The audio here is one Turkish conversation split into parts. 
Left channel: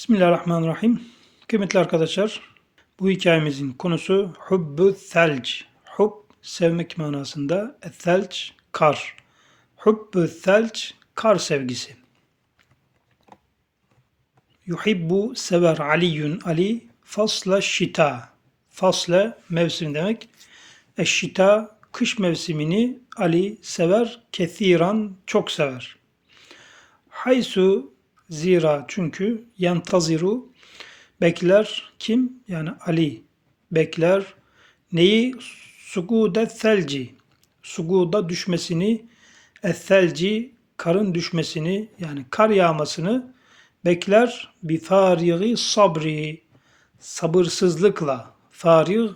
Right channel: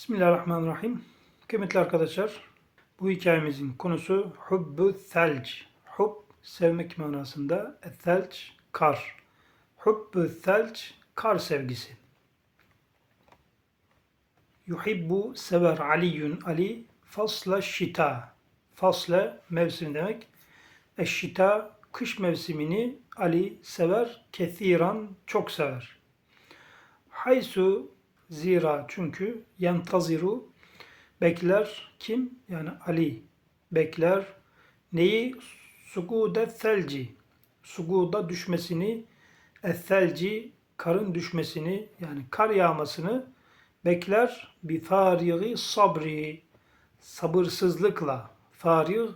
Bismillahirrahmanirrahim. Kıymetli arkadaşlar, bu hikayemizin konusu Hubbu Thelc. Hub, sevmek manasında. Thelc, kar. Hubbu Thelc, kar sevgisi. Yuhibbu, sever Aliyun, Ali, fasla şita. Fasla, mevsim demek. Eşşita, kış mevsimini Ali sever, kethiran, çok sever. Haysu zira çünkü yantaziru bekler kim? Yani Ali bekler neyi? Sugude selci. Suguda düşmesini ethelci karın düşmesini yani kar yağmasını bekler bi farigi sabri sabırsızlıkla farig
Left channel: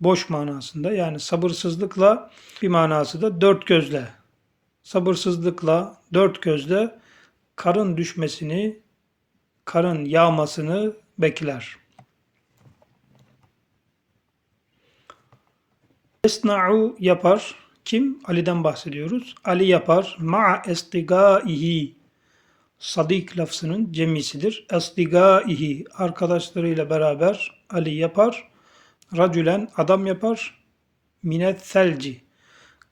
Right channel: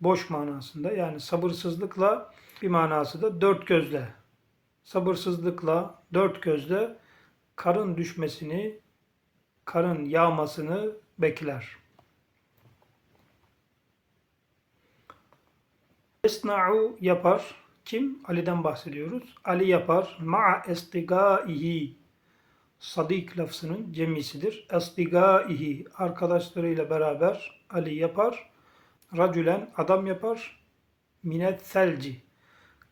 boş manasında yani sabırsızlıkla bir manası da dört gözle sabırsızlıkla dört gözle karın düşmesini, karın yağmasını bekler. Esna'u yapar. Kim? Ali'den bahsediyoruz. Ali yapar. Ma'a estigaihi. Sadik lafzının cemisidir. Estigaihi. Arkadaşlarıyla beraber Ali yapar. Racülen adam yapar. Minet selci.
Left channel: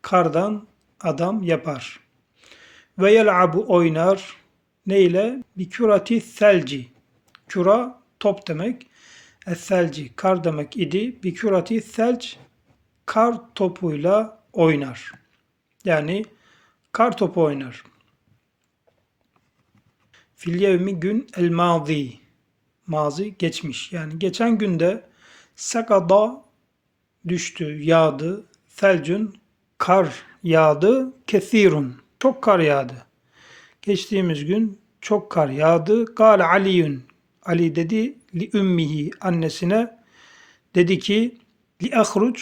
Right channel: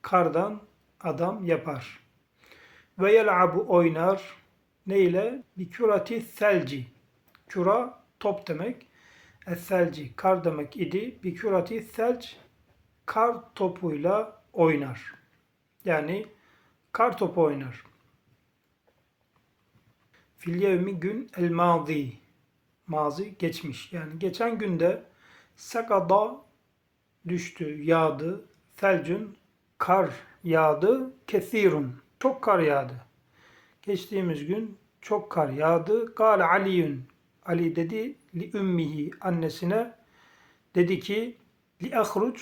Kardan adam yapar. Ve yel'abu oynar ne ile? Bir selci. Küra top demek. Eselci kar demek idi. Bir selc kar topuyla oynar. Yani kar topu oynar. Fil yevmi gün el mazi. Mazi geçmiş. Yani geçen günde sakada düştü, yağdı. Felcün kar yağdı. Kesirun. Çok kar yağdı. Geçtiğimiz gün çok kar yağdı. Gal Aliyun. Ali dedi li ümmihi annesine dedi ki li ahruc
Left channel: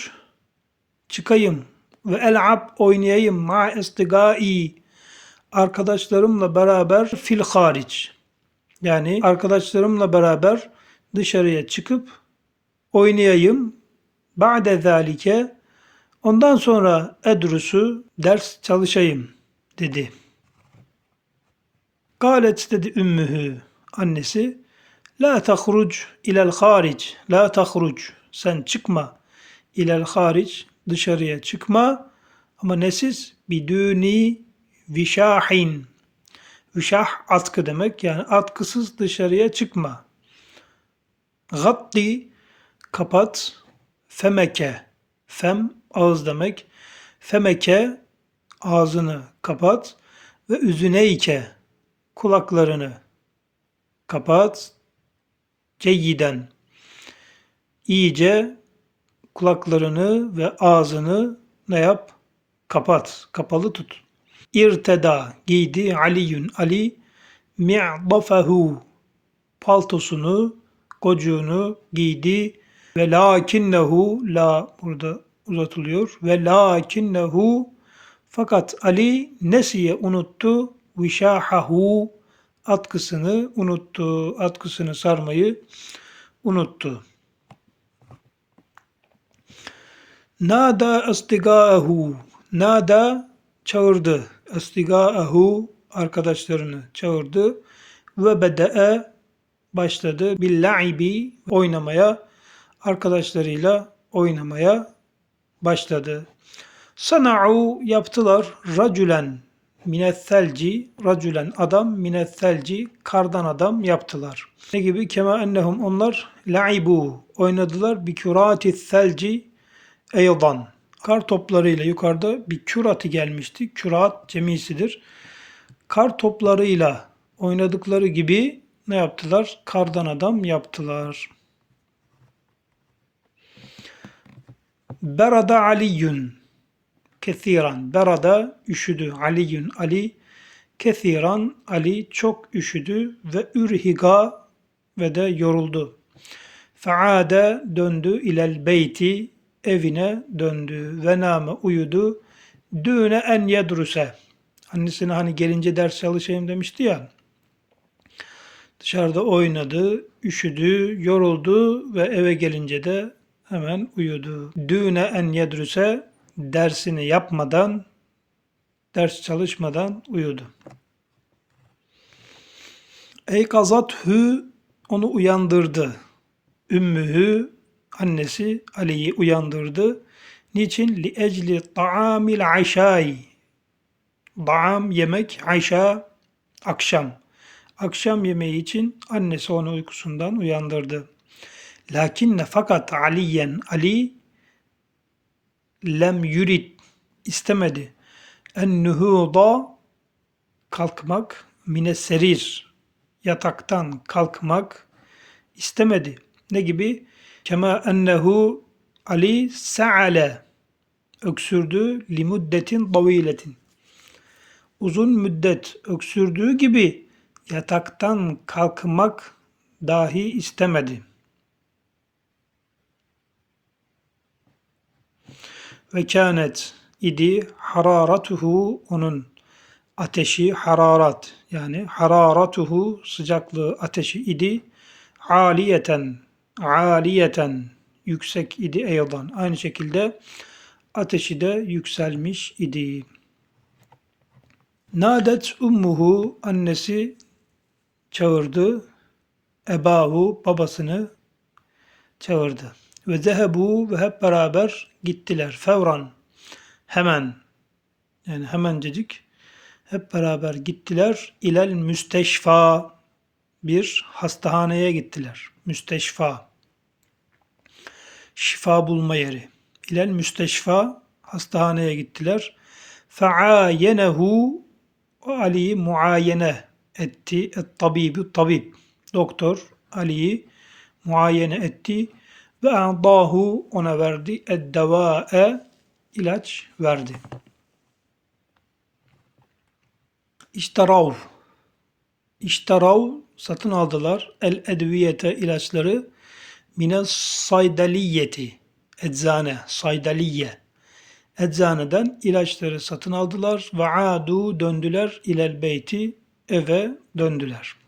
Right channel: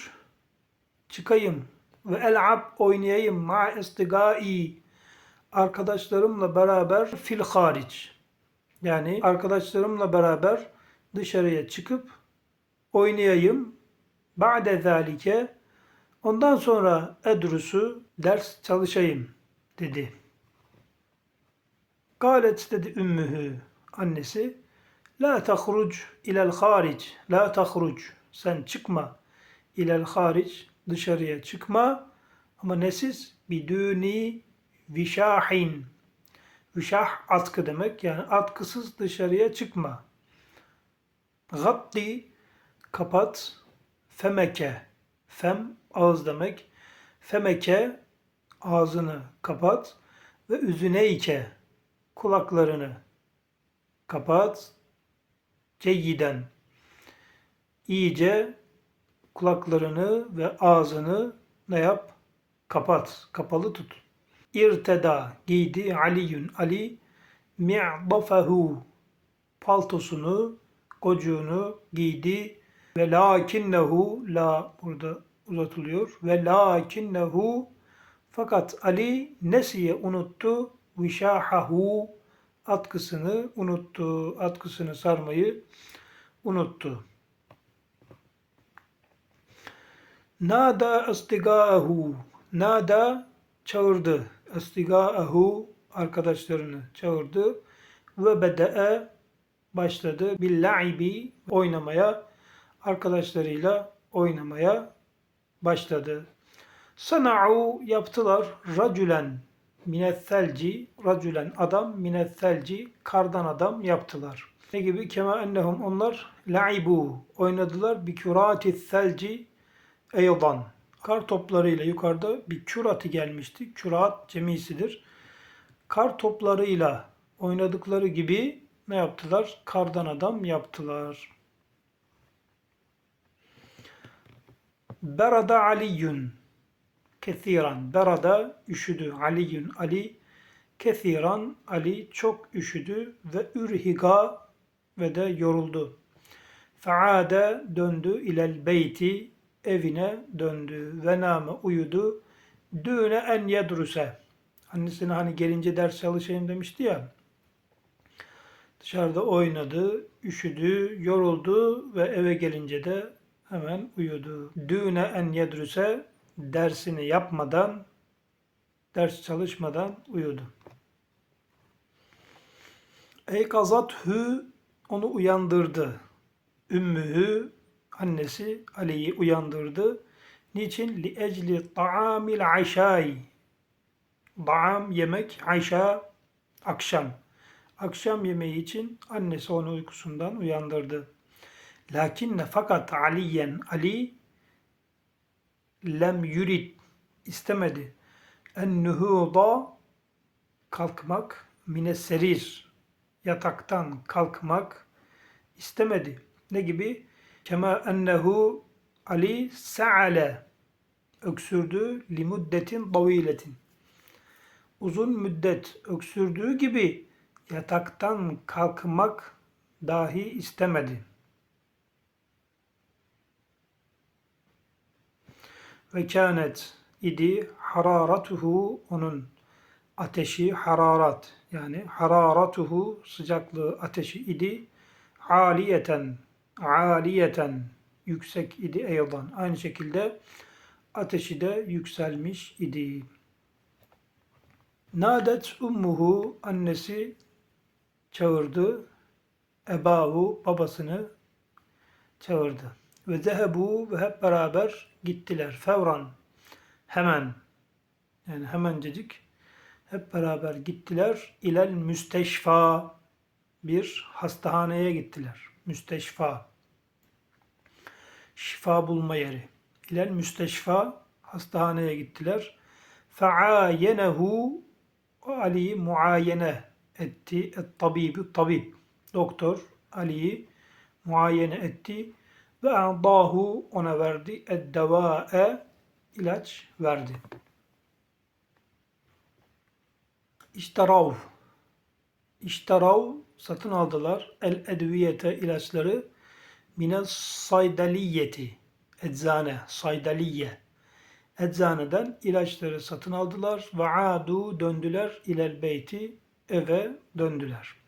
çıkayım ve el'ab oynayayım ma istigai arkadaşlarımla beraber fil hariç. Yani arkadaşlarımla beraber dışarıya çıkıp oynayayım. Ba'de zalike ondan sonra edrusu ders çalışayım dedi. Galet dedi ümmühü annesi La tahruc ilel haric La tahruc sen çıkma. İlel haric dışarıya çıkma. Ama nesiz? Biduni vişahin. Vişah atkı demek yani atkısız dışarıya çıkma. Gatti kapat femeke. Fem ağız demek. Femeke ağzını kapat ve üzüneyke kulaklarını kapat. Ceyyiden. İyice kulaklarını ve ağzını ne yap? Kapat. Kapalı tut. İrteda giydi Aliyun Ali mi'dafahu paltosunu, gocuğunu giydi ve lakinnehu la burada uzatılıyor ve lakinnehu fakat Ali nesiye unuttu vişahahu atkısını unuttu. Atkısını sarmayı unuttu. Nada istigaahu. Nada çağırdı. Istigaahu arkadaşlarını çağırdı. Ve bede'e başladı. Billa'ibi oynamaya arkadaşlarıyla oynamaya başladı. Sana'u yaptılar racülen minethelci racülen adam minethelci kardan adam yaptılar. Ne gibi? Kema ennehum onlar laibu oynadılar bi kürati selci eydan. Kar toplarıyla yukarıda bir kürati gelmişti. Kürat cemisidir. Kar toplarıyla oynadıkları gibi ne yaptılar? Kardan adam yaptılar. Berada Aliyun Kethiran. Berada üşüdü. Aliyun Ali. Kethiran Ali çok üşüdü ve ürhiga ve de yoruldu. Faade döndü ilel beyti evine döndü ve name uyudu. Düne en yedruse. Annesine hani gelince ders çalışayım demişti ya. Dışarıda oynadı, üşüdü, yoruldu ve eve gelince de hemen uyudu. Düne en yedruse dersini yapmadan, ders çalışmadan uyudu. Eykazathu onu uyandırdı. Ümmühü annesi Ali'yi uyandırdı. Niçin? Li ecli ta'amil aşai. Da'am yemek, aşa akşam. Akşam yemeği için annesi onu uykusundan uyandırdı. Lakinne fakat Aliyen Ali lem yurid istemedi. En nuhuda kalkmak mine serir yataktan kalkmak istemedi. Ne gibi? Kema ennehu Ali sa'ale öksürdü li muddetin taviletin. Uzun müddet öksürdüğü gibi yataktan kalkmak dahi istemedi. Ve kânet idi hararatuhu onun ateşi hararat yani hararatuhu sıcaklığı ateşi idi aliyeten aliyeten yüksek idi eydan. Aynı şekilde ateşi de yükselmiş idi. Nadet ummuhu annesi çağırdı. Ebahu babasını çağırdı. Ve zehebu ve hep beraber gittiler. Fevran hemen yani hemencecik hep beraber gittiler. İlel müsteşfa bir hastahaneye gittiler. Müsteşfa şifa bulma yeri. İlel müsteşfa hastahaneye gittiler. Feayenehu Ali'yi muayene etti. Et tabibi tabip. Doktor Ali'yi muayene etti ve adahu ona verdi. Ed devae ilaç verdi. İştarav İştarav satın aldılar. El edviyete ilaçları mine saydaliyeti eczane saydaliye eczaneden ilaçları satın aldılar ve adu döndüler ilel beyti eve döndüler.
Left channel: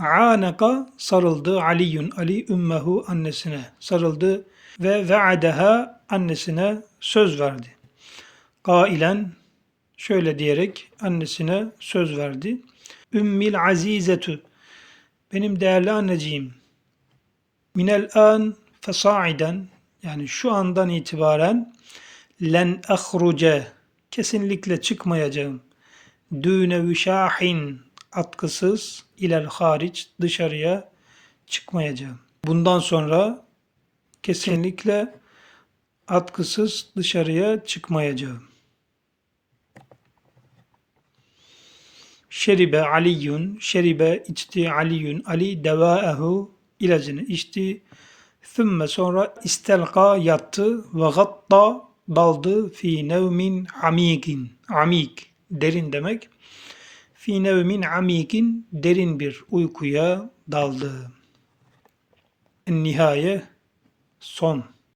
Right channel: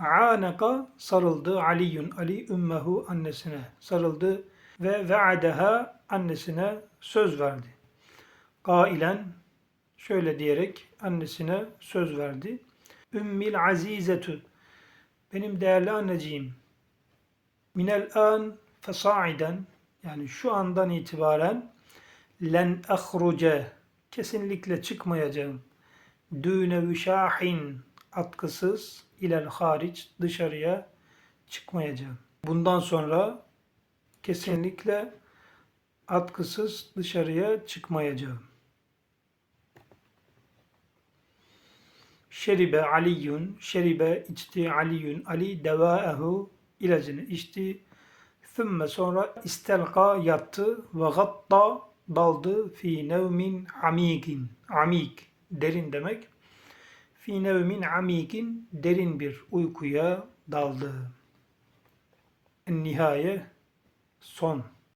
Anaka sarıldı Aliyun Ali ümmehu annesine sarıldı ve ve'adeha annesine söz verdi. Kailen şöyle diyerek annesine söz verdi. Ümmil azizetü benim değerli anneciğim minel an fesaiden yani şu andan itibaren len ahruce kesinlikle çıkmayacağım. Düne vişahin atkısız ilel hariç dışarıya çıkmayacağım. Bundan sonra kesinlikle atkısız dışarıya çıkmayacağım. Şeribe Aliyun, şeribe içti Aliyun, Ali devaehu ilacını içti. Thümme sonra istelka yattı ve gatta daldı fi nevmin amikin. Amik derin demek. Fi nevmin amikin derin bir uykuya daldı. Nihaye son.